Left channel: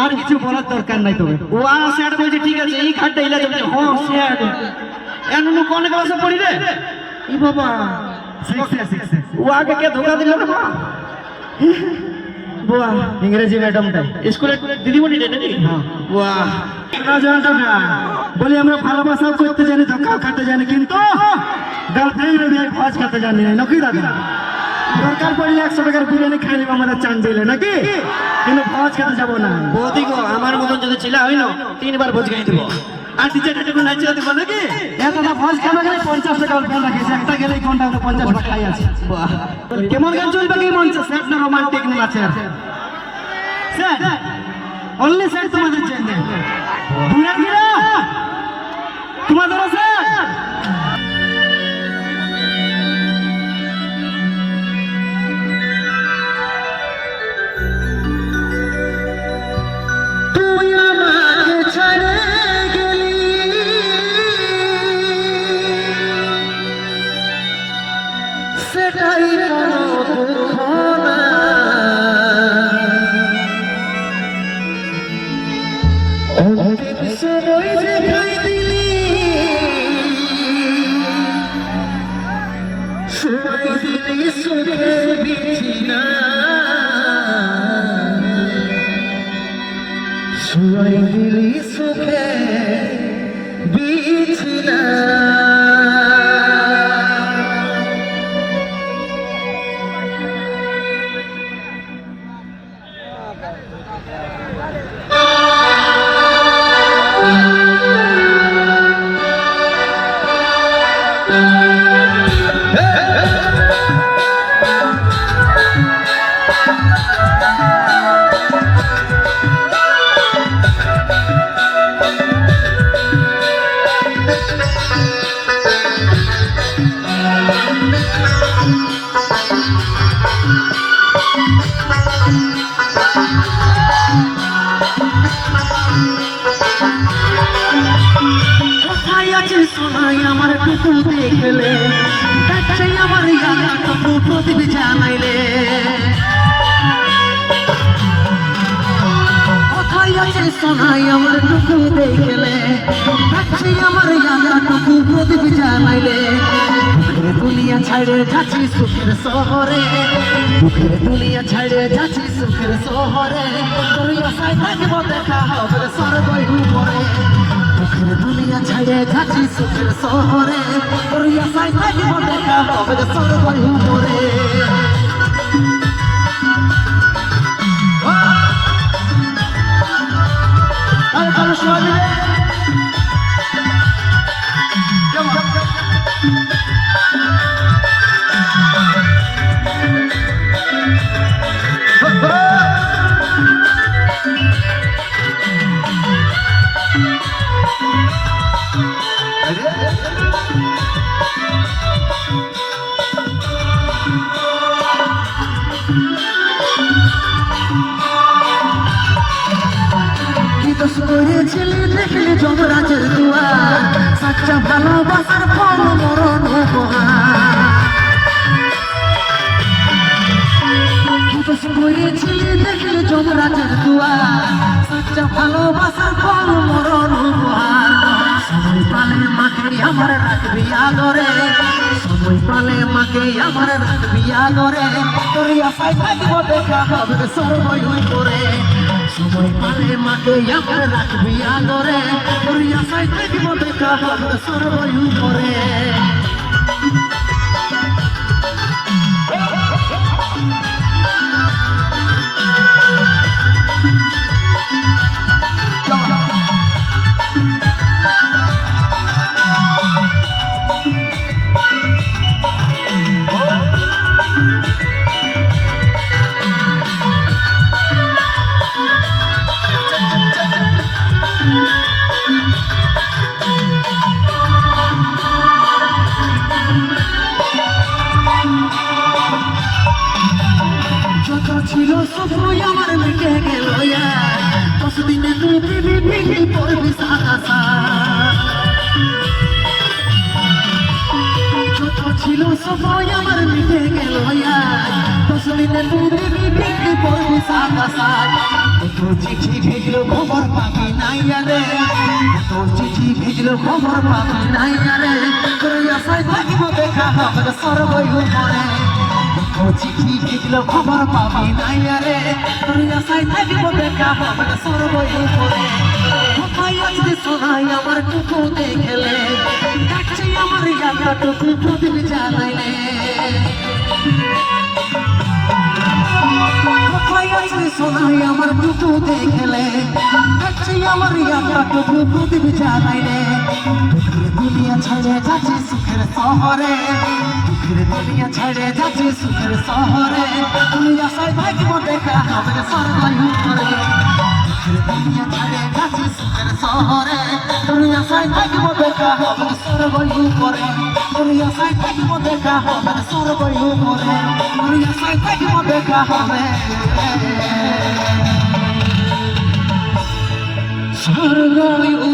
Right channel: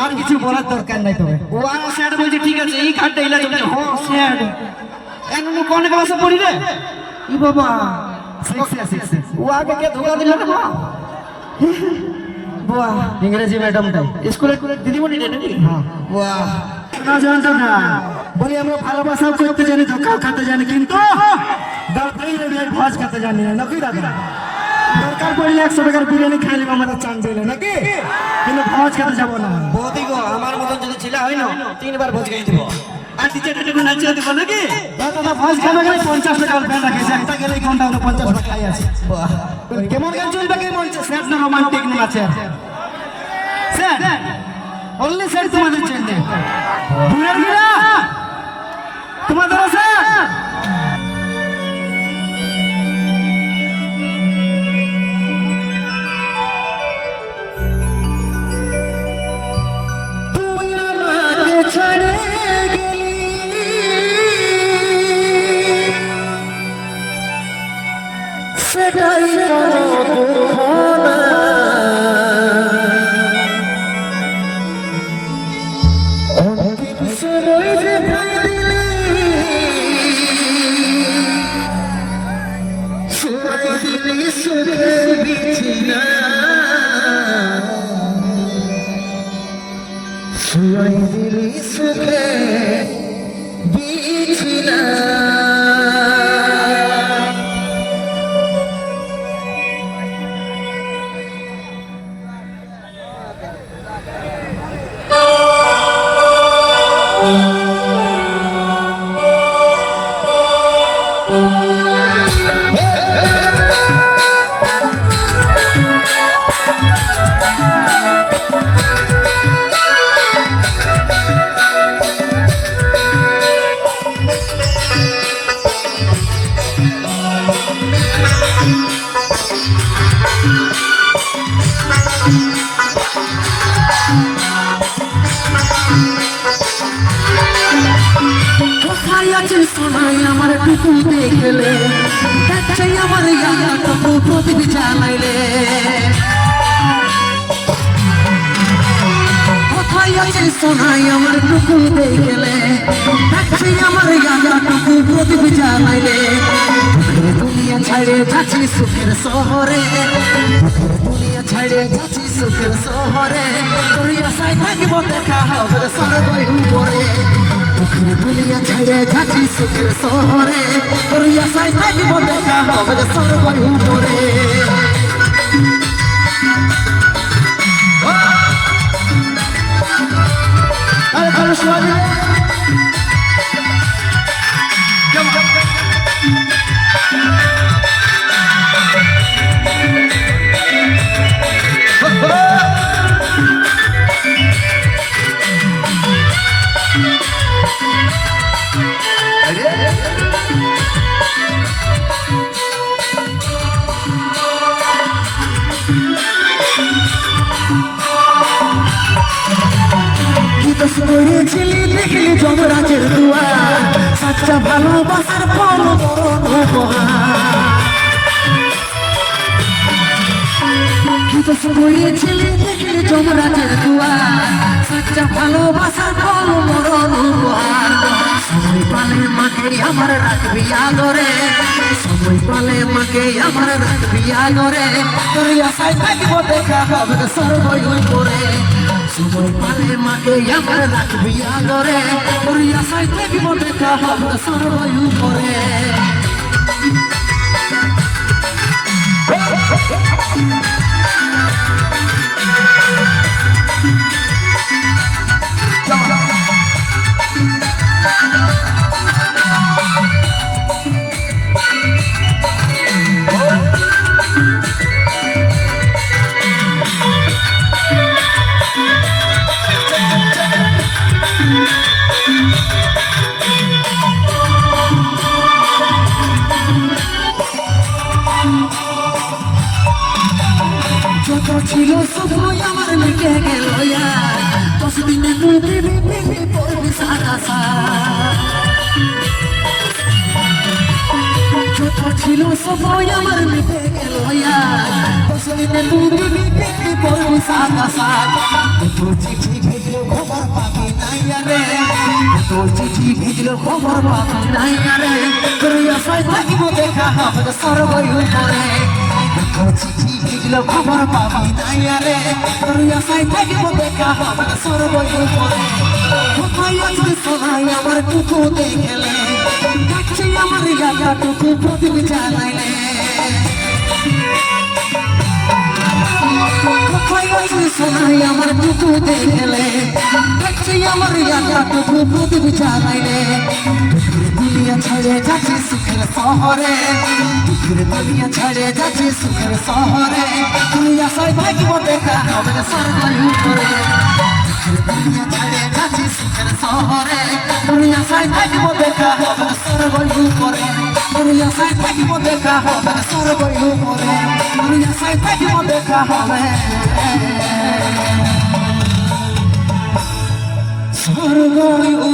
আর কিছু বলার দরকার নাই তবে ও আর স্যার বলছে ঠিক আছে এই কার্ডটা ইলা যাবে হ্যাঁ স্যার এমন কোন ক্লাসে পড়ি রে ই বাবা 6 ও আগে কে ধোকা দিল রে বাবা বাহ ইংরেজি ম্যাডামটাই স্কুলে দিদিমণি রে নাকি বাহ বলি আমরা ভালোবাসা করতে জানি ধোকা খেতে জানি কিন্তু গার্লফ্রেন্ড দিয়ে খোঁজ খেতে জানি না নাকি দাদা দরকার পড়লে 100 টাকার বিরিয়ানি খাই নেব আমরা চান দিলে নাকি কিন্তু খোঁজ খেতে যাবো না বৌদি গো আমার মতন যদি ছিল হইলো 3 বার ভোজ খাই দেবো আর টিচার টিচার নাচা দিব নাকি এত তো ভোজ খাবে গেলে 50 টাকা গার্লফ্রেন্ড রাখেছে একটা গেলে কোনটা 50 টাকা খাই আছে বাহ কেমন গান চলবে কি মন সেট না রোমান্টিক না আছে স্যার অনলি স্যার তোমাদের জন্য দুনিয়া গিরা তোমাদের স্যার তুই আমাকে ছেড়ে গেলি সেটাই চিঠি ভিজলো খবর পাবি নাই রে তোর চিঠি ভিজলো খবর পাবি নাই রে তোর আশায় থাকিব দেখা হবে সর্বয়ু করে তোর চিঠি ভিজলো খবর পাবি নাই রে তোর আশায় থাকিব দেখা হবে সর্বয়ু করে কোথায় আছে সোনাই আমার টুকু দেখলে দেখছি আমার জায়গাটুকু প্রদীপ জানাইলে সোনাই আমার টুকু দেখলে দেখছি আমার জায়গাটুকু প্রদীপ জানাইলে দুনিয়া ছেড়ে যাচ্ছি সুখের শহরে দুনিয়া ছেড়ে যাচ্ছি সুখের শহরে তুই আশায় থাকবো দেখা হবে সর্বয়ু করে দুনিয়া ছেড়ে যাচ্ছি সুখের শহরে তুই আশায় থাকবো দেখা হবে সর্বয়ু করে তুই আশায় থাকবো দেখা হবে সর্বয়ু করে তুই আশায় থাকবো দেখা হবে সর্বয়ু